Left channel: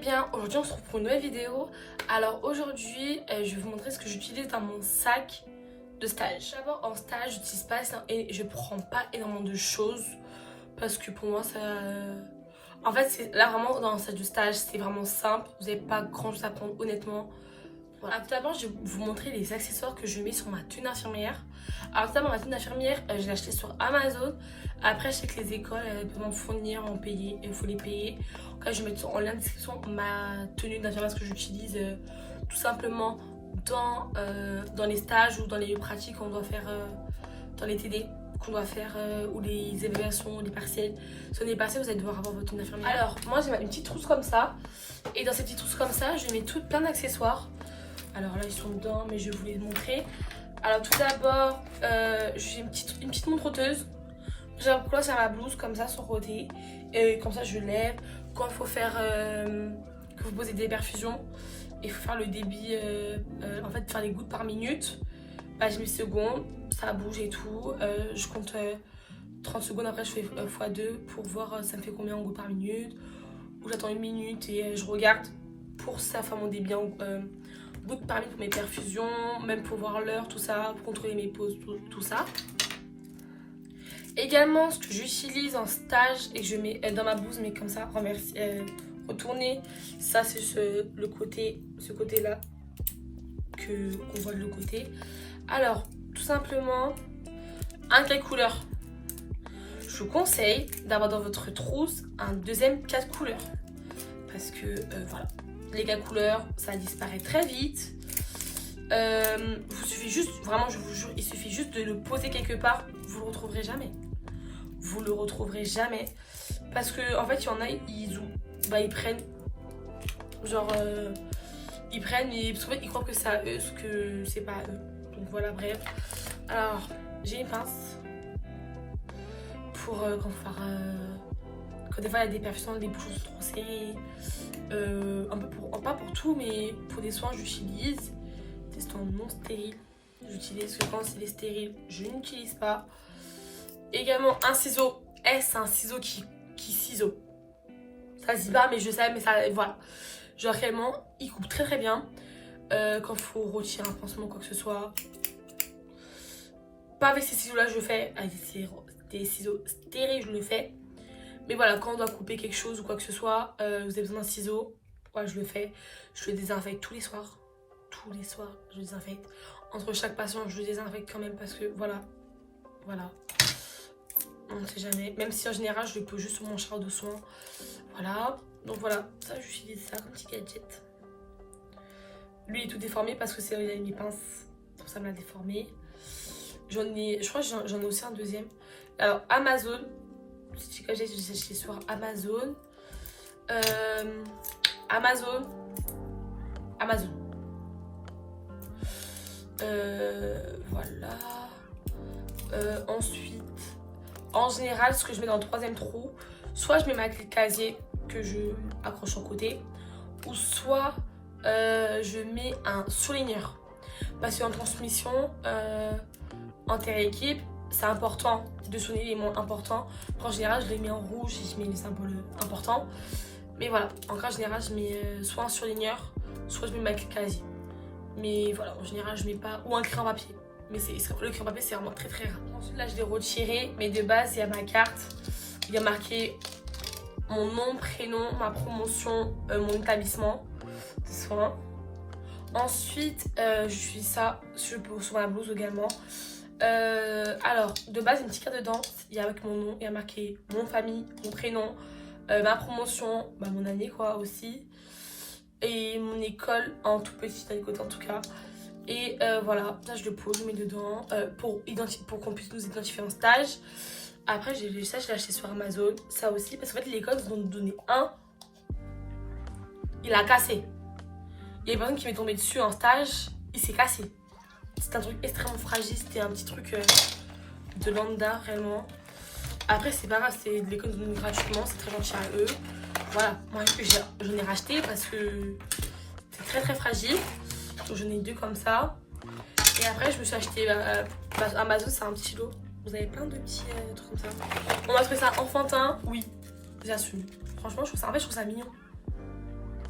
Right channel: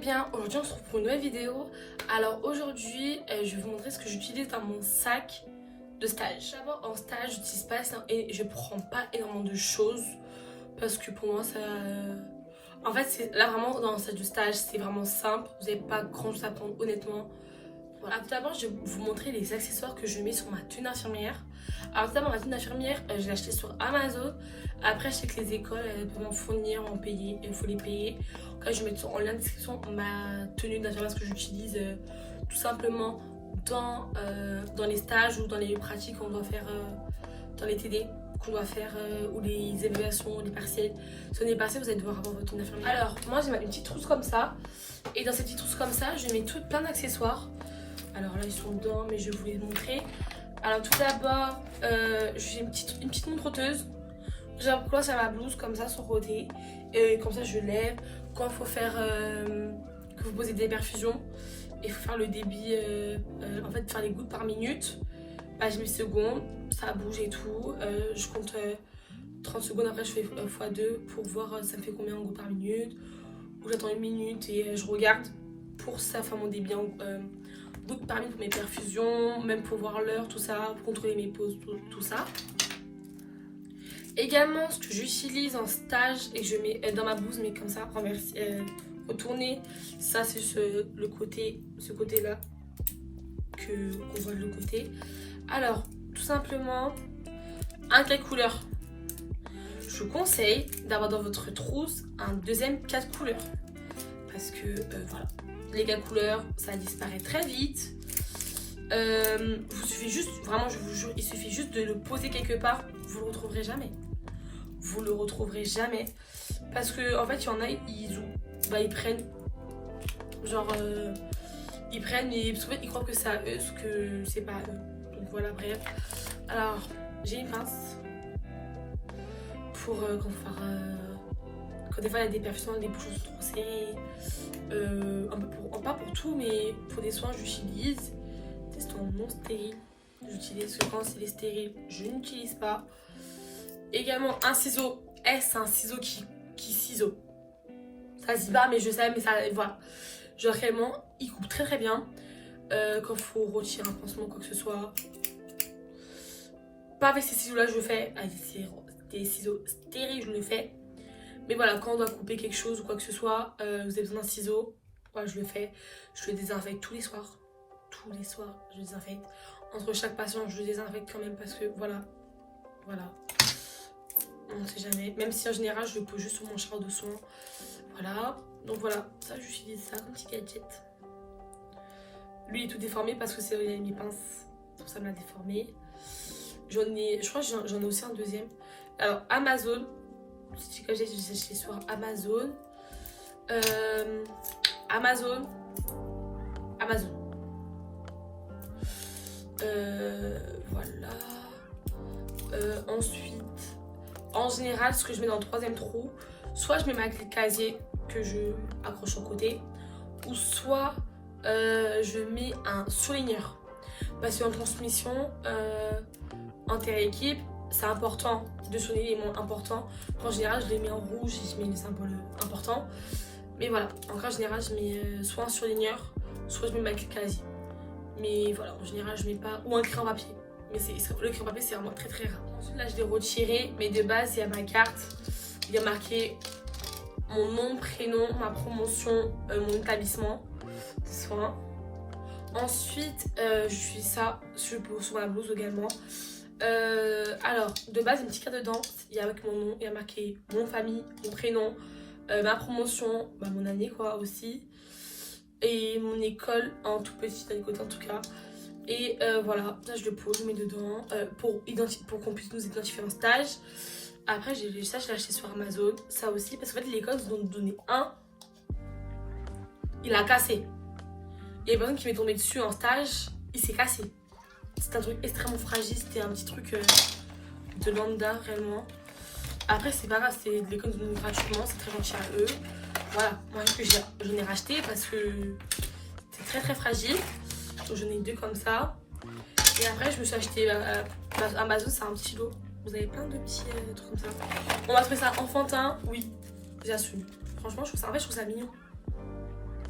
bien, aujourd'hui on se retrouve pour une nouvelle vidéo. Alors aujourd'hui je vais vous montrer ce que j'utilise dans mon sac de stage. D'abord en stage j'utilise pas et je prends pas énormément de choses parce que pour moi ça... En fait là vraiment dans un sac de stage c'est vraiment simple, vous n'avez pas grand chose à prendre honnêtement. Voilà. Tout d'abord je vais vous montrer les accessoires que je mets sur ma tenue d'infirmière. Alors tout d'abord ma tenue d'infirmière je l'ai achetée sur Amazon. Après je sais que les écoles peuvent m'en fournir, en payer, il faut les payer. En cas je vais mettre en lien de description ma tenue d'infirmière que j'utilise tout simplement dans les stages ou dans les pratiques qu'on doit faire dans les TD qu'on doit faire ou les évaluations, les partiels. Si on est passé, vous allez devoir avoir votre tenue d'infirmière. Alors moi j'ai une petite trousse comme ça et dans cette petite trousse comme ça je mets plein d'accessoires. Alors là ils sont dedans mais je vais vous les montrer. Alors tout d'abord j'ai une petite montreuse. J'accroche à ma blouse comme ça sur le côté et comme ça je lève. Quand il faut faire que vous posez des perfusions, il faut faire le débit, en fait faire les gouttes par minute. Bah, j'ai mis secondes, ça bouge et tout. Je compte 30 secondes, après je fais x2 pour voir ça me fait combien en gouttes par minute. Ou j'attends une minute et je regarde pour ça faire mon débit en gouttes par minute pour mes perfusions, même pour voir l'heure, tout ça, pour contrôler mes pauses, tout ça. Également, ce que j'utilise en stage et que je mets dans ma blouse, mais comme ça, retourné, ça c'est ce côté-là qu'on voit de l'autre côté. Alors, tout simplement, un cahier couleur. Je vous conseille d'avoir dans votre trousse un deuxième cahier de couleur. Parce que, voilà, les cahiers couleurs, ça disparaît très vite. Il suffit juste, vraiment je vous jure, il suffit juste de le poser quelque part, vous le retrouverez jamais. Vous le retrouverez jamais. Parce que en fait il y en a, ils prennent genre ils prennent mais parce qu'en fait ils croient que c'est à eux ce que c'est pas à eux. Donc voilà, bref. Alors j'ai une pince pour quand des fois il y a des perfusions, des bouchons trop serrés, pas pour tout mais pour des soins j'utilise des soins non stériles. J'utilise que quand c'est des stériles je n'utilise pas. Également un ciseau. C'est un ciseau qui ciseau. Ça se dit pas mais je sais, mais ça voilà. Genre réellement il coupe très bien. Quand il faut retirer un pansement quoi que ce soit. Pas avec ces ciseaux là je le fais. Avec des ciseaux stériles je le fais. Mais voilà, quand on doit couper quelque chose ou quoi que ce soit, vous avez besoin d'un ciseau. Voilà, je le fais. Je le désinfecte tous les soirs. Tous les soirs je le désinfecte. Entre chaque patient je le désinfecte quand même parce que voilà. On ne sait jamais, même si en général je le pose juste sur mon char de soins. Voilà, donc voilà, ça j'utilise ça comme petit gadget. Lui il est tout déformé parce que c'est il a mes pinces, pour ça me l'a déformé. Je crois que j'en ai aussi un deuxième. Alors Amazon, petit gadget j'ai acheté sur Amazon. Amazon. Voilà. Ensuite. En général, ce que je mets dans le troisième trou, soit je mets ma clé de casier que je accroche au côté, ou soit je mets un surligneur. Parce qu'en transmission, inter-équipe, c'est important de souligner les mots importants. En général, je les mets en rouge et je mets les symboles importants. Mais voilà, en général, je mets soit un surligneur, soit je mets ma clé de casier. Mais voilà, en général, je mets pas. Ou un crayon papier. Mais le crayon papier, c'est vraiment très rare. Ensuite, là, je l'ai retiré. Mais de base, il y a ma carte. Il y a marqué mon nom, prénom, ma promotion, mon établissement de soins. Ensuite, j'utilise ça sur ma blouse également. Alors, de base, une petite carte dedans. Il y a avec mon nom. Il y a marqué mon famille, mon prénom, ma promotion, mon année quoi aussi. Et mon école en tout petit, d'un côté en tout cas. Et voilà, ça je le pose, je mets dedans pour qu'on puisse nous identifier en stage. Après, je l'ai acheté sur Amazon, ça aussi, parce qu'en fait, l'école nous ont donné un. Il a cassé. Il y a une personne qui m'est tombée dessus en stage, il s'est cassé. C'est un truc extrêmement fragile, c'était un petit truc de lambda, réellement. Après, c'est pas grave, c'est de l'école nous donne gratuitement, c'est très gentil à eux. Voilà, moi j'en ai racheté parce que c'est très fragile. Donc j'en ai deux comme ça. Et après je me suis acheté Amazon, c'est un petit lot. Vous avez plein de petits trucs comme ça. On va trouver ça enfantin, oui, j'assume. Franchement je trouve ça mignon.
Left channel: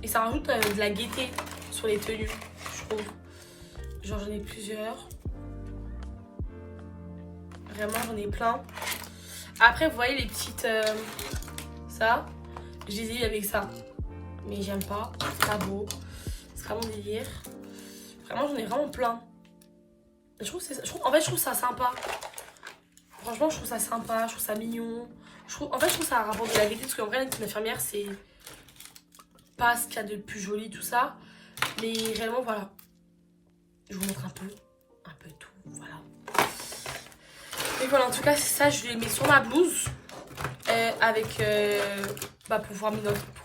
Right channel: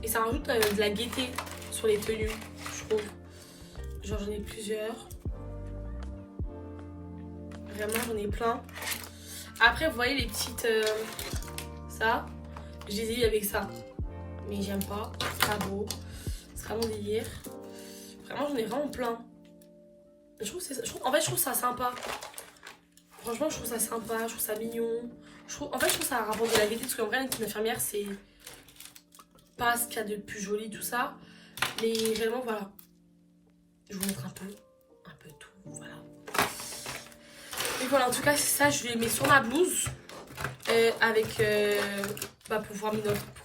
Et ça rajoute de la gaieté sur les tenues, je trouve. Genre j'en ai plusieurs. Vraiment j'en ai plein. Après vous voyez les petites... ça, je les ai eu avec ça. Mais j'aime pas, c'est pas beau. C'est pas mon délire. Vraiment j'en ai vraiment plein. En fait je trouve ça sympa. Franchement je trouve ça sympa, je trouve ça mignon. En fait je trouve ça un rapport de la gaieté. Parce qu'en vrai une infirmière c'est pas ce qu'il y a de plus joli tout ça. Mais réellement voilà. Je vous montre un peu tout, voilà. Et voilà, en tout cas, c'est ça, je les mets sur ma blouse. Avec, pour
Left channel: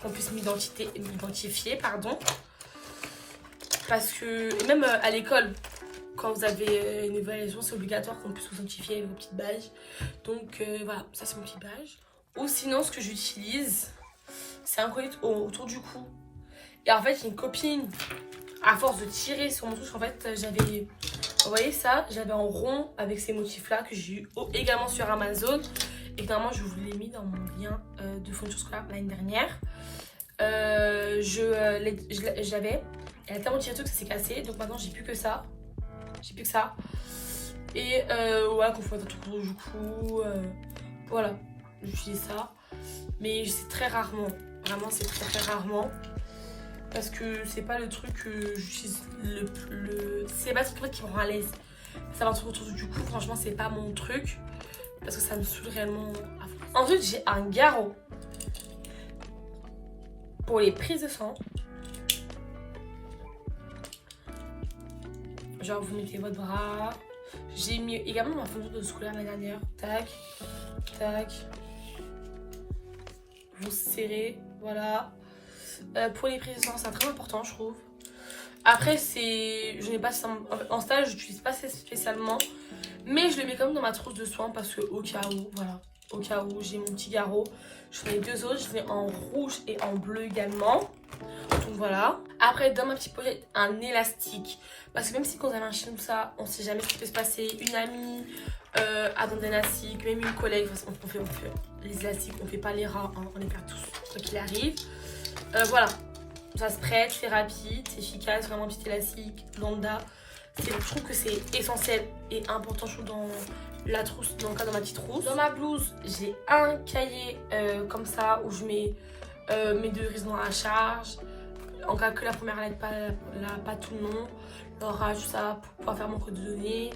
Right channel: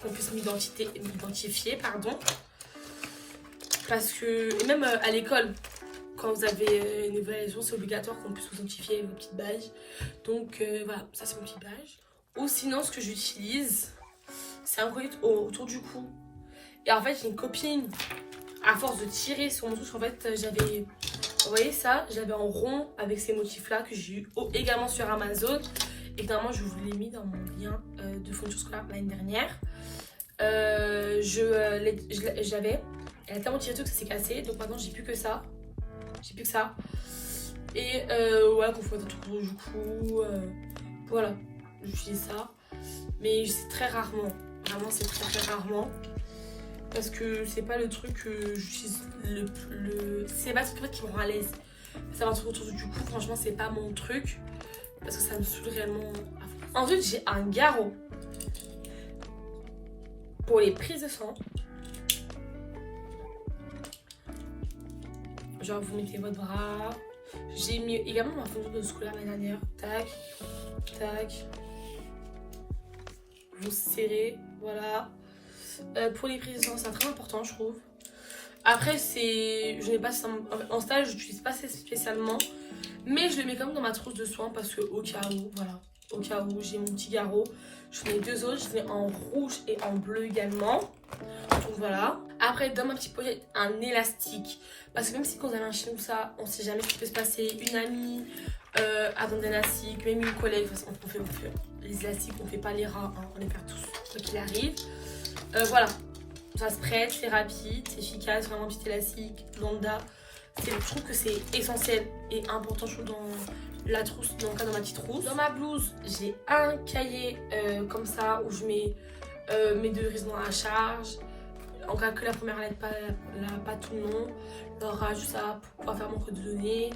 qu'on puisse m'identifier, pardon. Parce que, et même à l'école, quand vous avez une évaluation, c'est obligatoire qu'on puisse vous identifier avec vos petites badges. Donc voilà, ça c'est mon petit badge. Ou sinon, ce que j'utilise, c'est un collier autour du cou. Et en fait, j'ai une copine, à force de tirer sur mon touche, en fait, j'avais... Vous voyez ça, j'avais en rond avec ces motifs là que j'ai eu également sur Amazon. Et finalement je vous l'ai mis dans mon lien de fourniture scolaire l'année dernière. J'avais, elle a tellement tiré tout que ça s'est cassé. Donc maintenant j'ai plus que ça. Et ouais, qu'on fait un truc autour du cou. Voilà, j'utilise ça. Mais c'est très rarement. Vraiment c'est très rarement. Parce que c'est pas le truc que j'utilise c'est pas ce truc qui me rend à l'aise. Ça va un truc autour du cou, franchement c'est pas mon truc. Parce que ça me saoule réellement. Ensuite j'ai un garrot pour les prises de sang. Genre vous mettez votre bras. J'ai mis également ma fourniture de scolaire l'année dernière. Tac, tac. Vous serrez, voilà. Pour les prises de sang, c'est très important, je trouve. Après, je n'ai pas en stage, je n'utilise pas spécialement, mais je le mets quand même dans ma trousse de soins parce que au cas où, voilà, au cas où j'ai mon petit garrot. Je ai deux autres, je l'ai en rouge et en bleu également. Donc voilà. Après, dans ma petite pochette, un élastique. Parce que même si quand on a un chien ou ça, on sait jamais ce qui peut se passer. Une amie a besoin d'élastique, même une collègue, parce qu'on fait les élastiques, on fait pas les rats, hein, on les perd tous, quoi qu'il arrive. Voilà, ça se prête, c'est rapide, c'est efficace, vraiment petit élastique, lambda. Je trouve que c'est essentiel et important, je trouve, dans la trousse, dans le cas de ma petite trousse. Dans ma blouse, j'ai un cahier comme ça où je mets mes deux raisonnements à charge. En cas que la première lettre pas tout le nom, il y aura juste ça pour pouvoir faire mon code de données.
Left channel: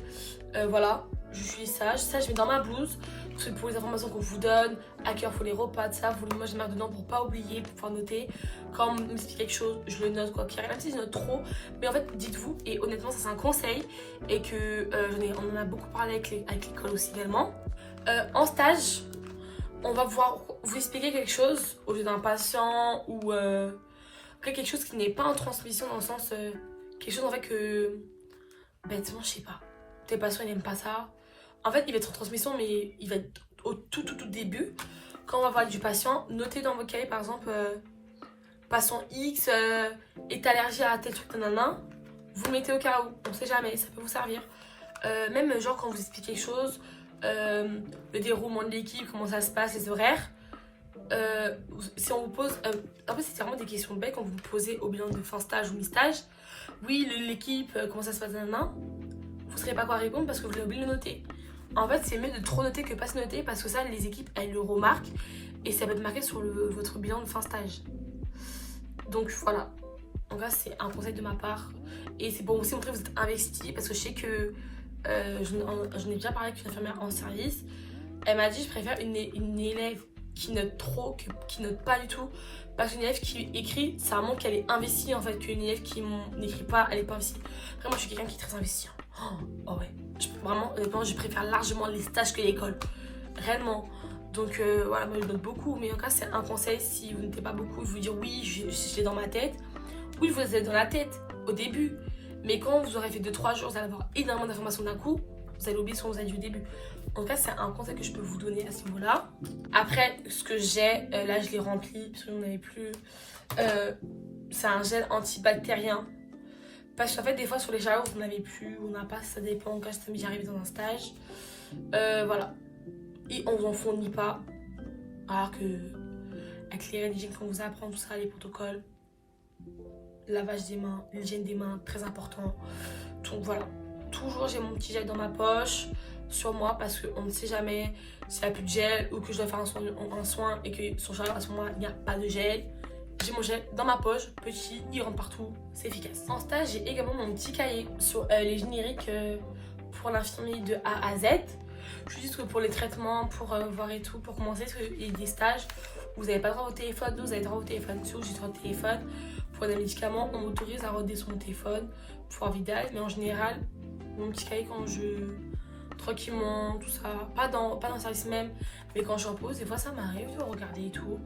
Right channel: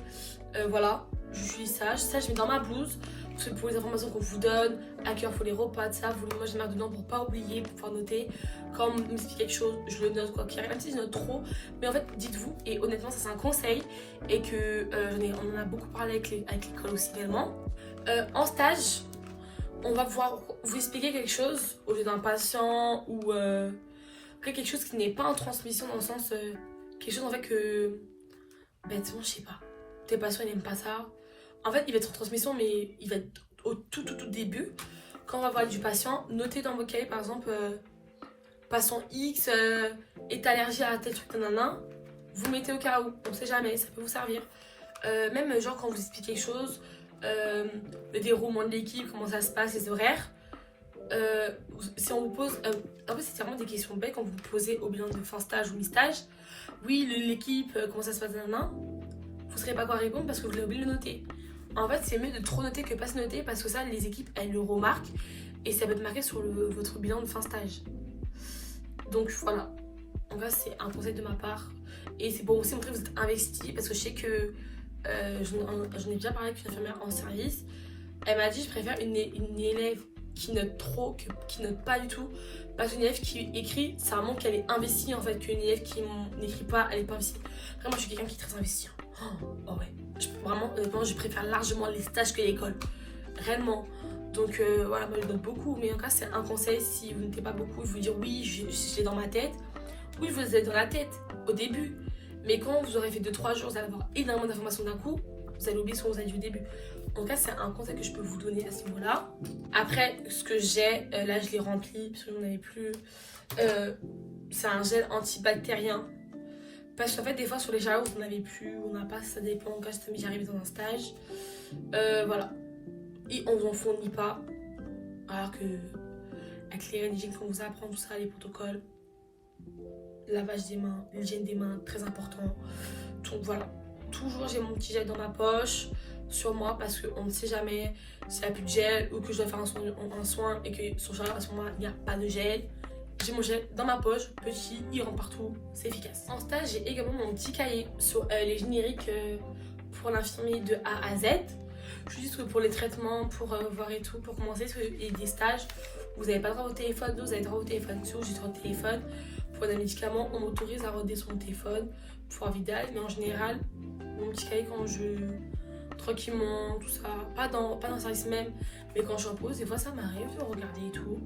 Voilà, j'utilise ça. Ça, je mets dans ma blouse. C'est pour les informations qu'on vous donne, à quelle heure faut les repas, de ça. Moi, je mets dedans pour pas oublier, pour pouvoir noter. Quand on m'explique quelque chose, je le note quoi qu'il arrive. Même si je note trop, mais en fait, dites-vous, et honnêtement, ça c'est un conseil, et que on en a beaucoup parlé avec l'école aussi également. En stage, on va pouvoir vous expliquer quelque chose au lieu d'un patient ou quelque chose qui n'est pas en transmission dans le sens quelque chose en fait que bêtement, je sais pas. Tes patients ils n'aiment pas ça. En fait, il va être en transmission, mais il va être au tout début. Quand on va parler du patient, notez dans vos cahiers, par exemple, patient X est allergique à tel truc, nanana. Vous mettez au cas où, on sait jamais, ça peut vous servir. Même genre quand vous expliquez quelque chose, le déroulement de l'équipe, comment ça se passe, les horaires. Si on vous pose, en fait c'est vraiment des questions bêtes quand vous vous posez au bilan de fin stage ou mi-stage. Oui, l'équipe, comment ça se passe, nanana. Vous ne saurez pas quoi répondre parce que vous avez oublié de le noter. En fait, c'est mieux de trop noter que pas se noter parce que ça, les équipes, elles le remarquent et ça va être marqué sur votre bilan de fin stage. Donc voilà. En vrai, c'est un conseil de ma part. Et c'est pour aussi montrer que vous êtes investi parce que je sais que j'en ai déjà parlé avec une infirmière en service. Elle m'a dit je préfère une élève qui note trop que qui note pas du tout. Parce qu'une élève qui écrit, ça montre qu'elle est investie en fait, qu'une élève qui n'écrit pas, elle est pas investie. Après, moi, je suis quelqu'un qui est très investi. Oh ouais. Vraiment, je préfère largement les stages que l'école. Réellement. Donc voilà, moi je note beaucoup. Mais en cas, c'est un conseil. Si vous notez pas beaucoup, je vous dire oui, je l'ai dans ma tête. Oui, vous êtes dans la tête au début. Mais quand vous aurez fait 2-3 jours, vous allez avoir énormément d'informations d'un coup. Vous allez oublier ce que vous avez dit au début. En cas, c'est un conseil que je peux vous donner à ce niveau-là. Après, ce que j'ai, là je l'ai rempli parce que j'en avais plus. C'est un gel antibactérien. Parce qu'en fait, des fois sur les chaleurs, on n'avait plus, on n'a pas, ça dépend. En cas, ça m'est déjà arrivé dans un stage. Voilà. Et on vous en fournit pas. Alors que avec les règles d'hygiène qu'on vous apprend, tout ça, les protocoles, lavage des mains, l'hygiène des mains, très important. Donc voilà, toujours j'ai mon petit gel dans ma poche sur moi parce qu'on ne sait jamais s'il n'y a plus de gel ou que je dois faire un soin et que sur à ce moment-là il n'y a pas de gel. J'ai mon gel dans ma poche, petit, il rentre partout, c'est efficace. En stage, j'ai également mon petit cahier sur les génériques pour l'infirmier de A à Z. Juste pour les traitements, pour voir et tout, pour commencer, parce qu'il y a des stages où vous n'avez pas droit au téléphone, vous avez droit au téléphone, sur juste votre téléphone. Pour des médicaments, on m'autorise à redescendre son téléphone pour un vidage, mais en général, mon petit cahier quand je tranquillement, tout ça, pas dans le service même, mais quand je suis en pause, des fois ça m'arrive de regarder et tout,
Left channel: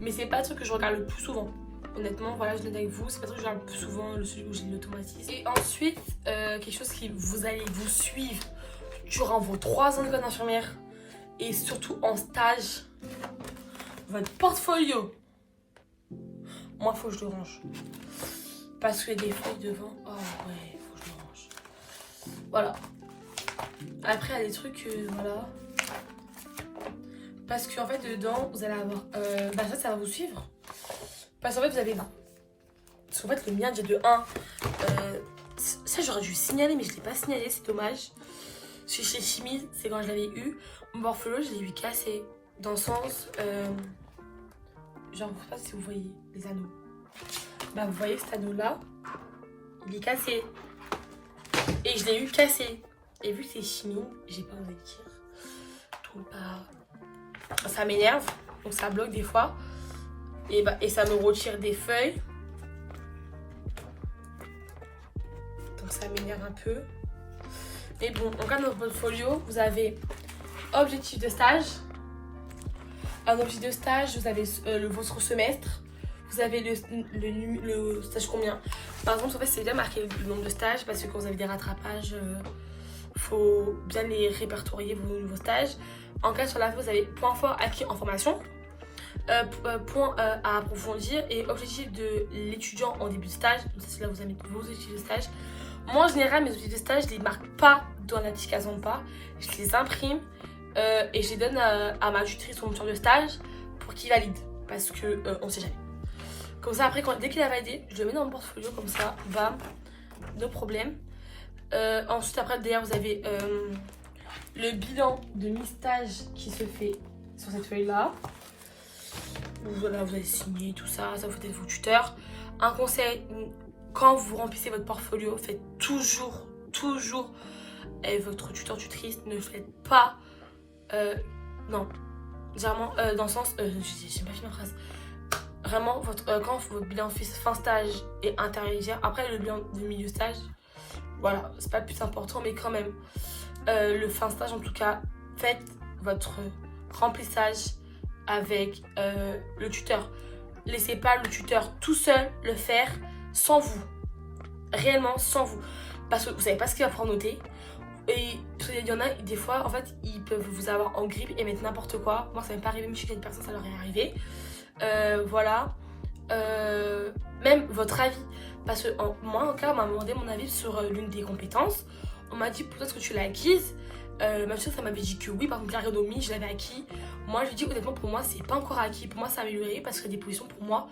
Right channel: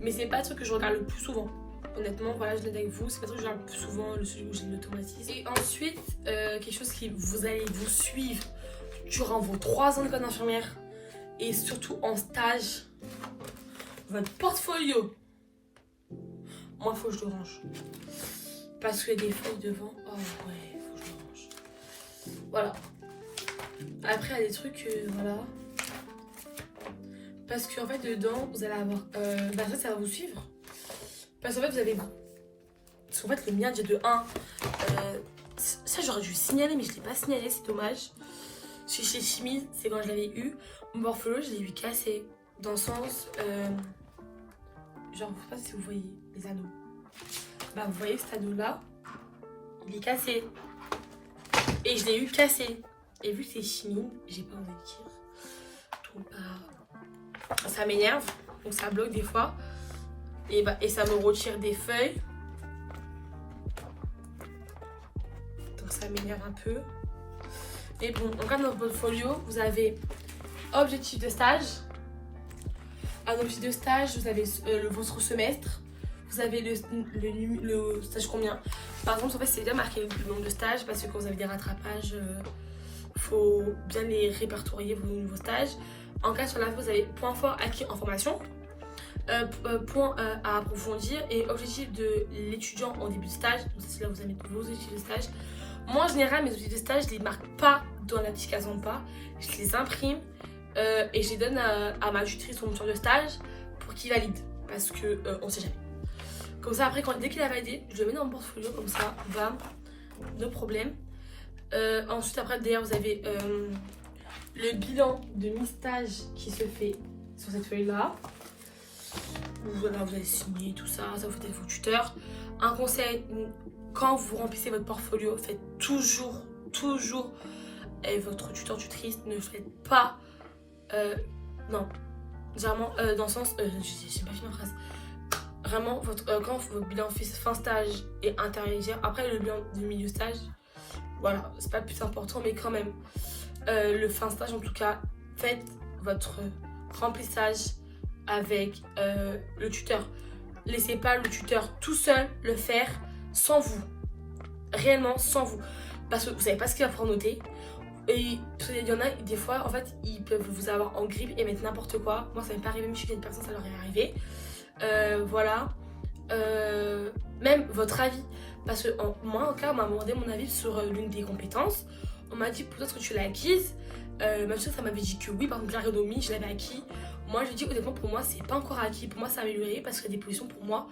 mais c'est pas le truc que je regarde le plus souvent. Honnêtement, voilà, je le dis avec vous, c'est pas le truc que je regarde le plus souvent, le celui où j'ai l'automatisme. Et ensuite, quelque chose qui vous allez vous suivre durant vos 3 ans d'école d'infirmière et surtout en stage, votre portfolio. Moi, faut que je le range. Parce que des feuilles devant, oh ouais, faut que je le range. Voilà. Après, il y a des trucs, voilà. Parce qu'en fait, dedans, vous allez avoir... ça va vous suivre. Parce qu'en fait, vous avez... Parce qu'en fait, le mien, déjà de 1... ça, j'aurais dû signaler, mais je ne l'ai pas signalé, c'est dommage. Chez 6000, c'est quand je l'avais eu. Mon portfolio, je l'ai eu cassé. Dans le sens... genre, je sais pas si vous voyez les anneaux. Bah, vous voyez que cet anneau-là, il est cassé. Et je l'ai eu cassé. Et vu que c'est chimie, j'ai pas envie de dire. Donc, bah, ça m'énerve. Donc, ça bloque des fois. Et ça me retire des feuilles. Donc, ça m'énerve un peu. Mais bon, en cas de votre portfolio, vous avez objectif de stage. Un objectif de stage, vous avez votre semestre. Vous avez le stage combien. Par exemple, en fait, c'est bien marqué le nombre de stages parce que quand vous avez des rattrapages, faut bien les répertorier vos stages. En cas sur la vous avez point fort acquis en formation, point à approfondir et objectif de l'étudiant en début de stage. Donc c'est là vous avez vos objectifs de stage. Moi en général mes objectifs de stage je les marque pas dans la petite case en bas, je les imprime et je les donne à ma tutrice ou mon tuteur de stage pour qu'il valide parce que on sait jamais. Comme ça après dès qu'il a validé, je le mets dans mon portfolio comme ça, bam, no problème. Ensuite après derrière vous avez le bilan de mi-stage qui se fait sur cette feuille là. Voilà, vous allez signer tout ça, ça vous faites vos tuteurs. Un conseil, quand vous remplissez votre portfolio, faites toujours votre tuteur tutrice, ne faites pas non, vraiment dans le sens, j'ai pas fini ma phrase. Vraiment, quand votre bilan fin stage est intermédiaire, après le bilan de milieu stage, voilà, c'est pas le plus important, mais quand même, le fin stage en tout cas, faites votre remplissage avec le tuteur. Laissez pas le tuteur tout seul le faire sans vous, réellement sans vous, parce que vous savez pas ce qu'il va pouvoir noter. Et il y en a des fois, en fait, ils peuvent vous avoir en grippe et mettre n'importe quoi. Moi, ça m'est pas arrivé, mais chez une personne, ça leur est arrivé. Voilà. Même votre avis. Parce que moi, en cas, on m'a demandé mon avis sur l'une des compétences. On m'a dit peut-être que tu l'as acquise. Même si ça m'avait dit que oui, par exemple, l'ergonomie, je l'avais acquis. Moi, je dis honnêtement, pour moi, c'est pas encore acquis. Pour moi, ça a amélioré parce que des positions, pour moi,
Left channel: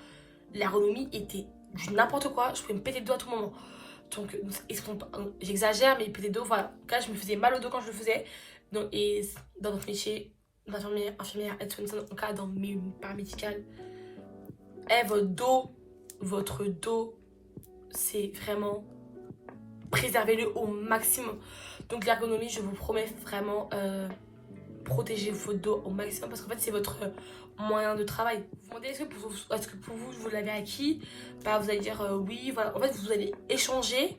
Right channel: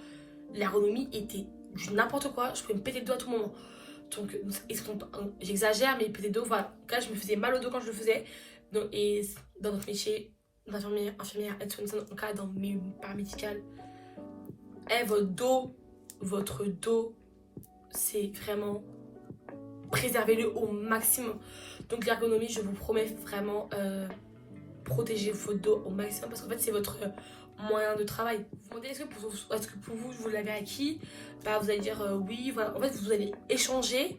l'ergonomie était du n'importe quoi. Je pouvais me péter le dos à tout moment. Donc, j'exagère, mais péter le dos, voilà. En cas, je me faisais mal au dos quand je le faisais. Donc, et dans notre métier, d'infirmière, aide-soignante, en cas dans mes paramédicales, votre dos, c'est vraiment préservez-le au maximum. Donc l'ergonomie, je vous promets vraiment protéger votre dos au maximum parce qu'en fait c'est votre moyen de travail. Vous vous demandez est-ce que pour vous l'avez acquis, bah, vous allez dire oui, voilà. En fait vous allez échanger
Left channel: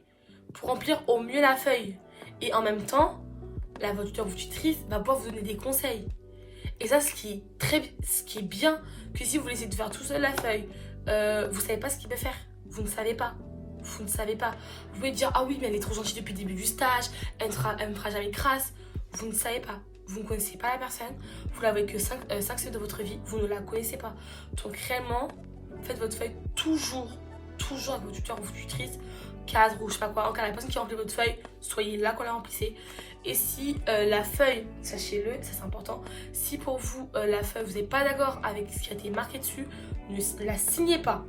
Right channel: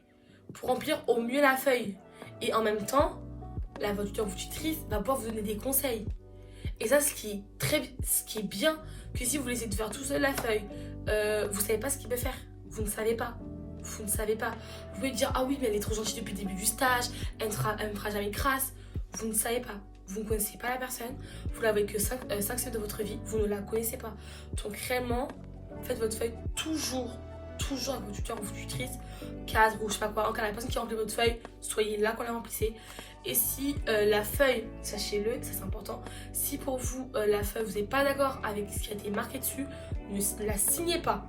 pour remplir au mieux la feuille et en même temps votre tuteur ou tutrice va pouvoir vous donner des conseils. Et ça ce qui est bien, que si vous laissez de faire tout seul la feuille, vous savez pas ce qu'il peut faire, vous ne savez pas. Vous ne savez pas. Vous pouvez dire ah oui mais elle est trop gentille depuis le début du stage, elle me fera jamais crasse. Vous ne savez pas. Vous ne connaissez pas la personne. Vous l'avez que 5 semaines de votre vie. Vous ne la connaissez pas. Donc réellement, faites votre feuille toujours avec votre tuteur ou votre tutrice, case rouge, je sais pas quoi. En cas la personne qui remplit votre feuille, soyez là quand la remplissez. Et si la feuille, sachez-le, ça c'est important, si pour vous la feuille, vous n'êtes pas d'accord avec ce qui a été marqué dessus, ne la signez pas.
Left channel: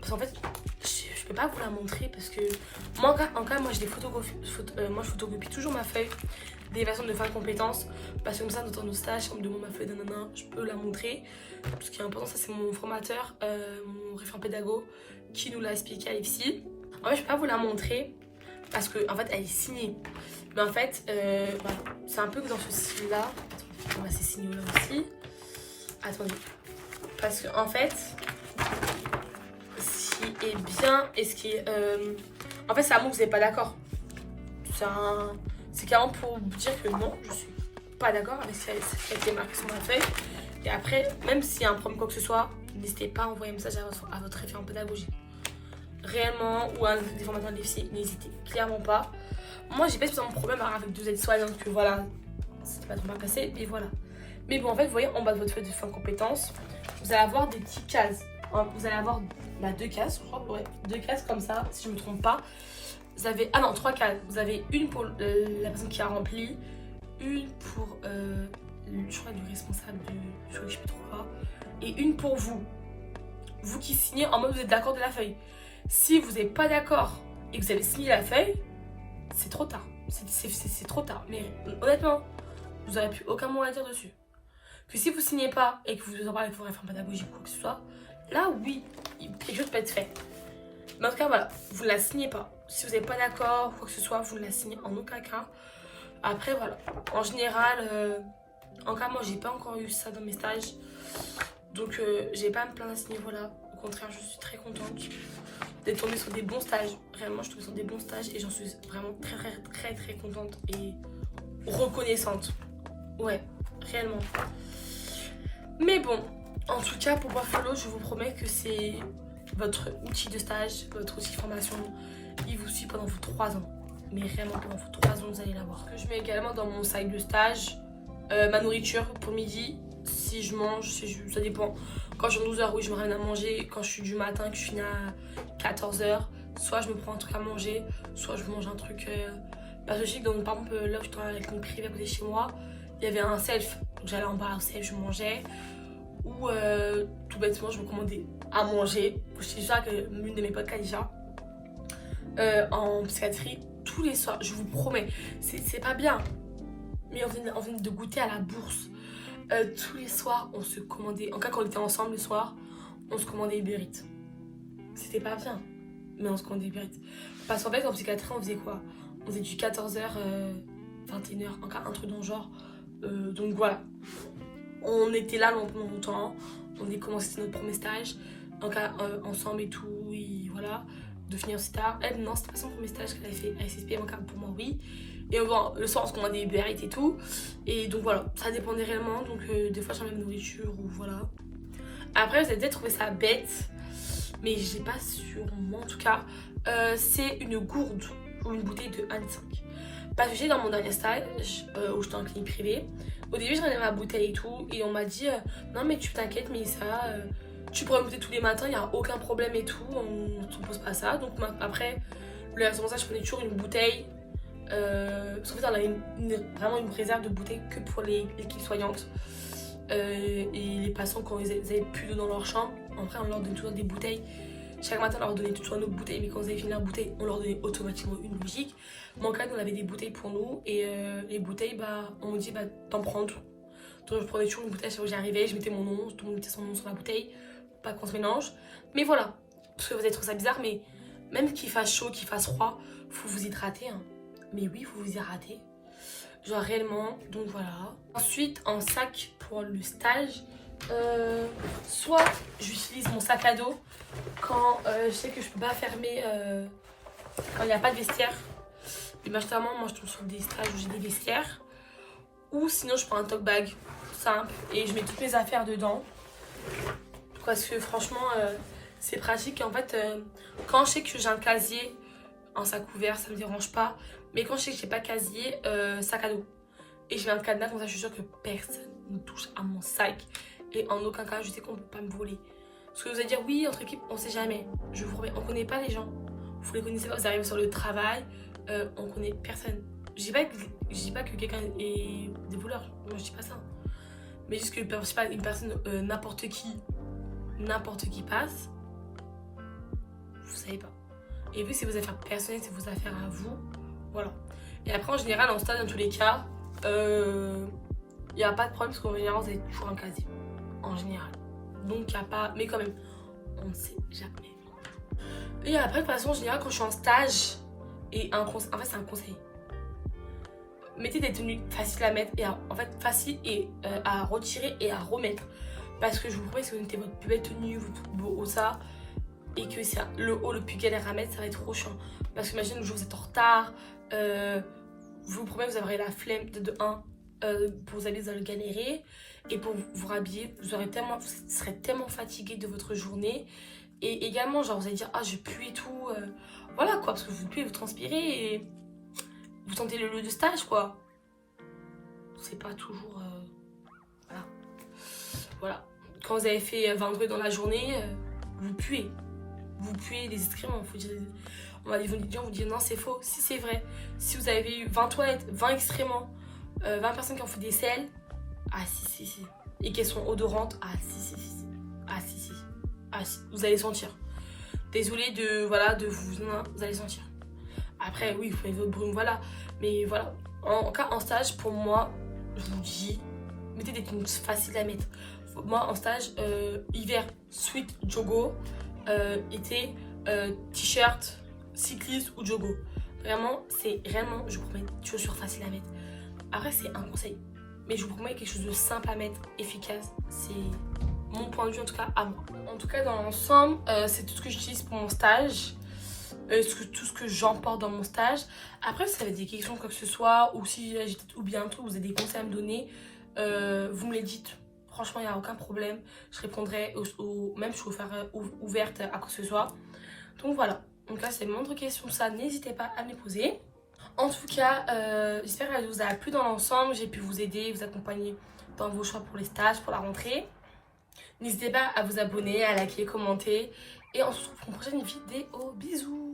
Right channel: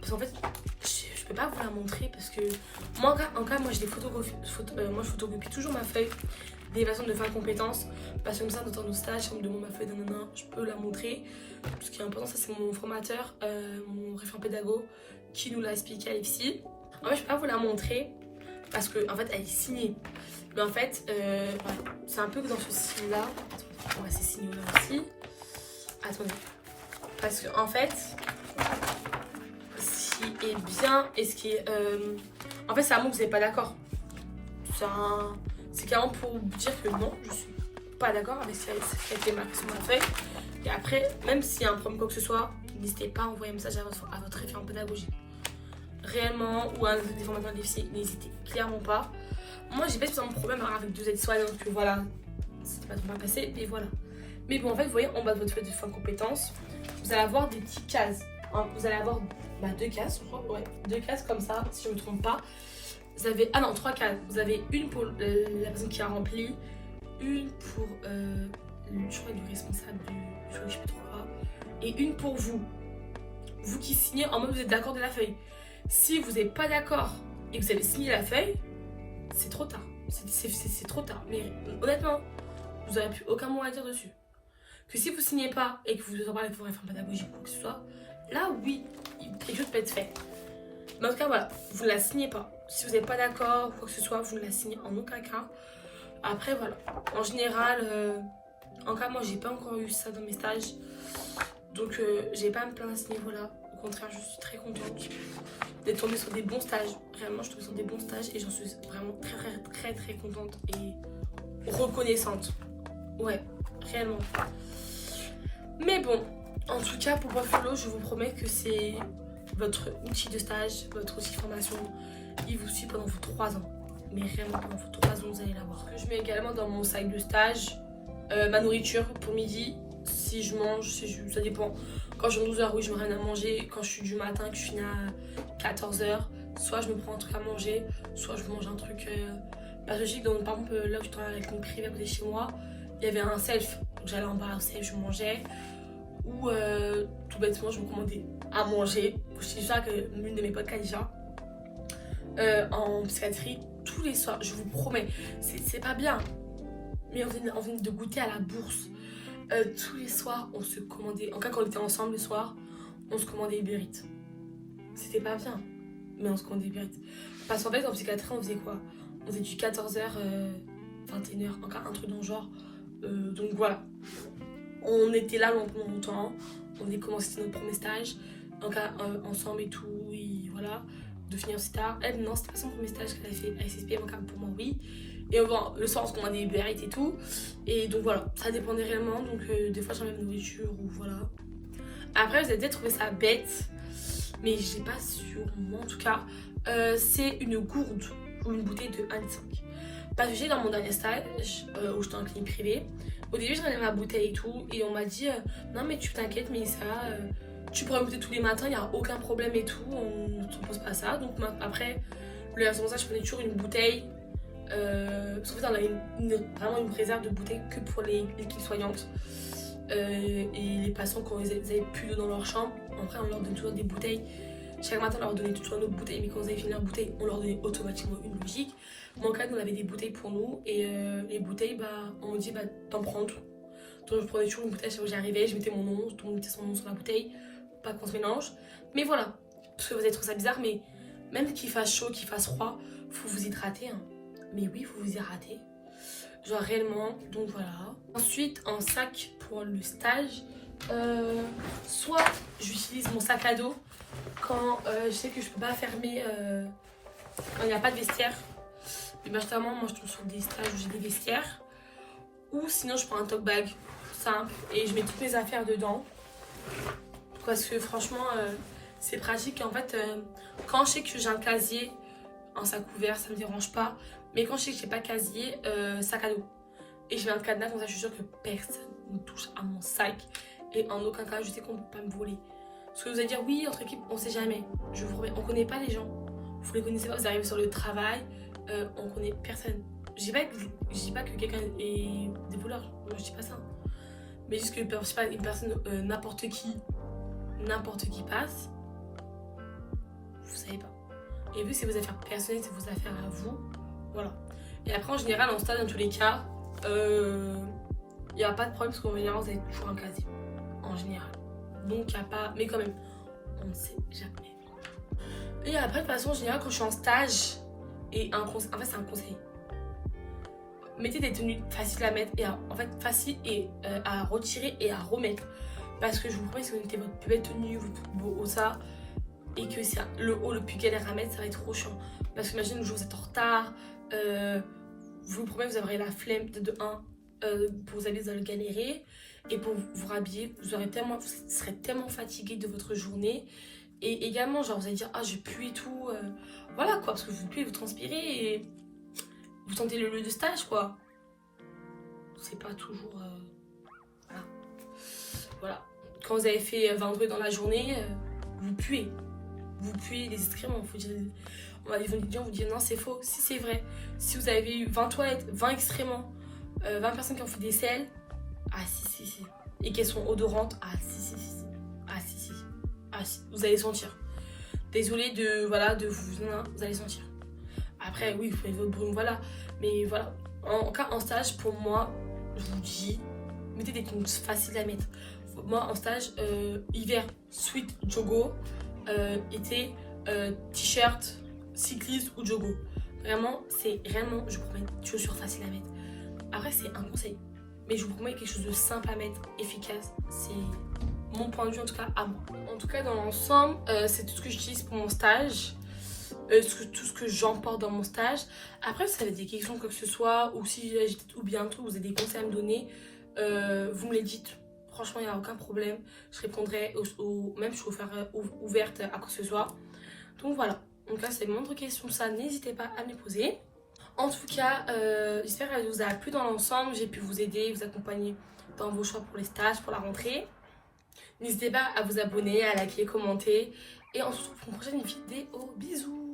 parce qu'en fait, je peux pas vous la montrer parce que moi, moi, je photocopie toujours ma feuille d'évaluation de fin de compétences. Parce que comme ça, dans nos stages, si on me demande ma feuille nanana, je peux la montrer. Ce qui est important, ça c'est mon formateur, mon référent pédago, qui nous l'a expliqué à l'IFSI. En fait, je peux pas vous la montrer parce que en fait, elle est signée. Mais en fait, voilà, c'est un peu dans ce style-là. On va c'est signé là aussi. Attendez. Parce que en fait, ce qui est bien et ce qui est... en fait, c'est un mot que vous n'êtes pas d'accord. C'est carrément pour dire que non, je suis pas d'accord avec ce qui a été marqué sur ma feuille. Et après, même s'il y a un problème quoi que ce soit, n'hésitez pas à envoyer un message à votre référent pédagogique. Réellement, ou à un des formateurs de l'IFSI, n'hésitez clairement pas. Moi, j'ai pas spécialement de problème avec 2 aides-soignants, que voilà, c'est pas trop mal passé, et voilà. Mais bon, en fait, vous voyez, en bas de votre feuille de fin de compétences, vous allez avoir des petites cases. Vous allez avoir 2 cases, je crois, ouais, 2 cases comme ça, si je ne me trompe pas. Vous avez, 3 cases. Vous avez une pour la personne qui a rempli, une pour, je crois, le responsable je sais plus trop quoi, et une pour vous. Vous qui signez en mode vous êtes d'accord de la feuille. Si vous n'êtes pas d'accord et que vous avez signé la feuille, c'est trop tard. C'est trop tard. Mais honnêtement, vous n'aurez plus aucun mot à dire dessus. Que si vous ne signez pas et que vous en parlez avec vos référents pédagogiques ou quoi que ce soit, là oui, quelque chose peut être fait. Mais en tout cas, voilà, vous ne la signez pas. Si vous n'êtes pas d'accord ou quoi que ce soit, vous ne la signez en aucun cas. Après, voilà, en général, en cas, moi, j'ai pas encore eu ça dans mes stages. Donc, j'ai pas à me plaindre à ce niveau-là. Au contraire, je suis très contente d'être tombée sur des bons stages. Réellement, je suis tombée sur des bons stages et j'en suis vraiment très contente et reconnaissante. Ouais, réellement. Mais bon, en tout cas, pour Buffalo, je vous promets que c'est votre outil de stage, votre outil de formation. Il vous suit pendant vos 3 ans. Mais réellement, pendant vos 3 ans, vous allez l'avoir. Je mets également dans mon sac de stage ma nourriture pour midi. Si je mange, ça dépend. Quand je suis 12h, oui, je me rien à manger. Quand je suis du matin, que je finis à 14h, soit je me prends un truc à manger, soit je mange un truc. Parce que je sais que, donc, par exemple, là où je travaille à la clinique privée à côté de chez moi, il y avait un self. Donc j'allais en bas au self, je mangeais. Ou tout bêtement, je me commandais à manger. Je suis déjà que l'une de mes potes, Khadija, en psychiatrie, tous les soirs, je vous promets, c'est pas bien. Mais on venait de goûter à la bourse. Tous les soirs, on se commandait, en cas quand on était ensemble le soir, on se commandait Uber Eats. C'était pas bien, mais on se commandait Uber Eats. Parce qu'en fait, en psychiatrie, on faisait quoi? On faisait du 14h, 21h, en cas un truc dans le genre. Donc voilà, on était là pendant longtemps. On a commencé notre premier stage, en cas ensemble et tout, et voilà, de finir aussi tard. Elle, non, c'était pas son premier stage qu'elle avait fait à SSP, en cas pour moi, oui. Et bon, le soir, on se commandait Uber Eats et tout. Et donc voilà, ça dépendait réellement. Donc des fois, j'enlève la nourriture ou voilà. Après, vous avez peut-être trouvé ça bête, mais j'ai pas sûrement. En tout cas, c'est une gourde ou une bouteille de 1,5 litre. Parce que j'ai dans mon dernier stage, où j'étais en clinique privée, au début, j'enlevais ma bouteille et tout. Et on m'a dit, non, mais tu t'inquiètes, mais ça, tu pourrais goûter tous les matins, il n'y a aucun problème et tout. On ne te pose pas ça. Donc après, le responsable, je prenais toujours une bouteille. Parce qu'en fait, on avait vraiment une réserve de bouteilles que pour l'équipe soignante et les patients quand ils avaient plus d'eau dans leur chambre. Après, on leur donnait toujours des bouteilles. Chaque matin, on leur donnait toujours une autre bouteille, mais quand ils avaient fini leur bouteille, on leur donnait automatiquement une logique. Moi, en cas, nous, on avait des bouteilles pour nous et les bouteilles, on me dit t'en prends tout. Donc, je prenais toujours une bouteille sur où j'arrivais, je mettais mon nom, tout le monde mettait son nom sur la bouteille, pas qu'on se mélange. Mais voilà, parce que vous allez trouver ça bizarre, mais même qu'il fasse chaud, qu'il fasse froid, faut vous hydrater. Hein. Mais oui, il faut vous hydrater. Genre réellement, donc voilà. Ensuite, en sac pour le stage, soit j'utilise mon sac à dos quand je sais que je peux pas fermer, quand il n'y a pas de vestiaire. Et majoritairement, moi je tombe sur des stages où j'ai des vestiaires. Ou sinon, je prends un tote bag simple et je mets toutes mes affaires dedans. Parce que franchement, c'est pratique. En fait, quand je sais que j'ai un casier en sac ouvert, ça me dérange pas. Mais quand je sais que j'ai pas casier, sac à dos. Et je mets un cadenas, comme ça je suis sûre que personne ne touche à mon sac. Et en aucun cas, je sais qu'on ne peut pas me voler. Parce que vous allez dire, oui, entre équipes, on sait jamais. Je vous promets, on connaît pas les gens. Vous les connaissez pas, vous arrivez sur le travail, on connaît personne. Je dis pas que quelqu'un est des voleurs, non, je dis pas ça. Mais juste que, je sais pas, une personne, n'importe qui passe. vous savez pas. Et vu que c'est vos affaires personnelles, c'est vos affaires à vous, voilà. Et après en général en stage dans tous les cas, il n'y a pas de problème parce qu'en général vous avez toujours un casier. En général. Donc il n'y a pas, mais quand même, on ne sait jamais. Et après de toute façon en général quand je suis en stage, et en fait c'est un conseil. Mettez des tenues faciles à mettre et en fait faciles et à retirer et à remettre. Parce que je vous promets, si vous mettez votre plus belle tenue, votre plus beau haut ça, et que c'est le haut le plus galère à mettre, ça va être trop chiant. Parce que imagine le jour où vous êtes en retard, je vous promets, vous aurez la flemme de 1 pour vous aller, vous allez galérer. Et pour vous rhabiller, vous serez tellement fatigué de votre journée. Et également, genre vous allez dire, ah je pue et tout. Voilà quoi, parce que vous puez, vous transpirez et vous sentez le lieu de stage quoi. C'est pas toujours... voilà. Voilà. Quand vous avez fait 20 degrés dans la journée, vous puez. Vous puez les excréments. Faut dire, ils vont vous dire non, c'est faux. Si c'est vrai. Si vous avez eu 20 toilettes, 20 excréments, 20 personnes qui ont fait des selles, ah si. Et qu'elles sont odorantes, ah si. Ah si, vous allez sentir. Désolée de vous allez sentir. Après, oui, vous faites votre brume, voilà. Mais voilà, en cas en stage, pour moi, je vous dis, mettez des tenues faciles à mettre. Moi, en stage, hiver, sweat, jogo, été, t-shirt, cycliste ou jogo. Vraiment, je vous promets, chaussures faciles à mettre. Après, c'est un conseil. Mais je vous promets quelque chose de simple à mettre, efficace. C'est mon point de vue, en tout cas, à moi. En tout cas, dans l'ensemble, c'est tout ce que j'utilise pour mon stage. Tout ce que j'emporte dans mon stage. Après, si vous avez des questions, quoi que ce soit, ou si j'ai oublié un truc, vous avez des conseils à me donner, vous me les dites. Franchement, il n'y a aucun problème. Je répondrai, même je suis ouverte à quoi que ce soit. Donc voilà. Donc là, c'est mon autre question. Ça, n'hésitez pas à me les poser. En tout cas, j'espère qu'elle vous a plu dans l'ensemble. J'ai pu vous aider, vous accompagner dans vos choix pour les stages, pour la rentrée. N'hésitez pas à vous abonner, à liker, commenter. Et on se retrouve pour une prochaine vidéo. Bisous!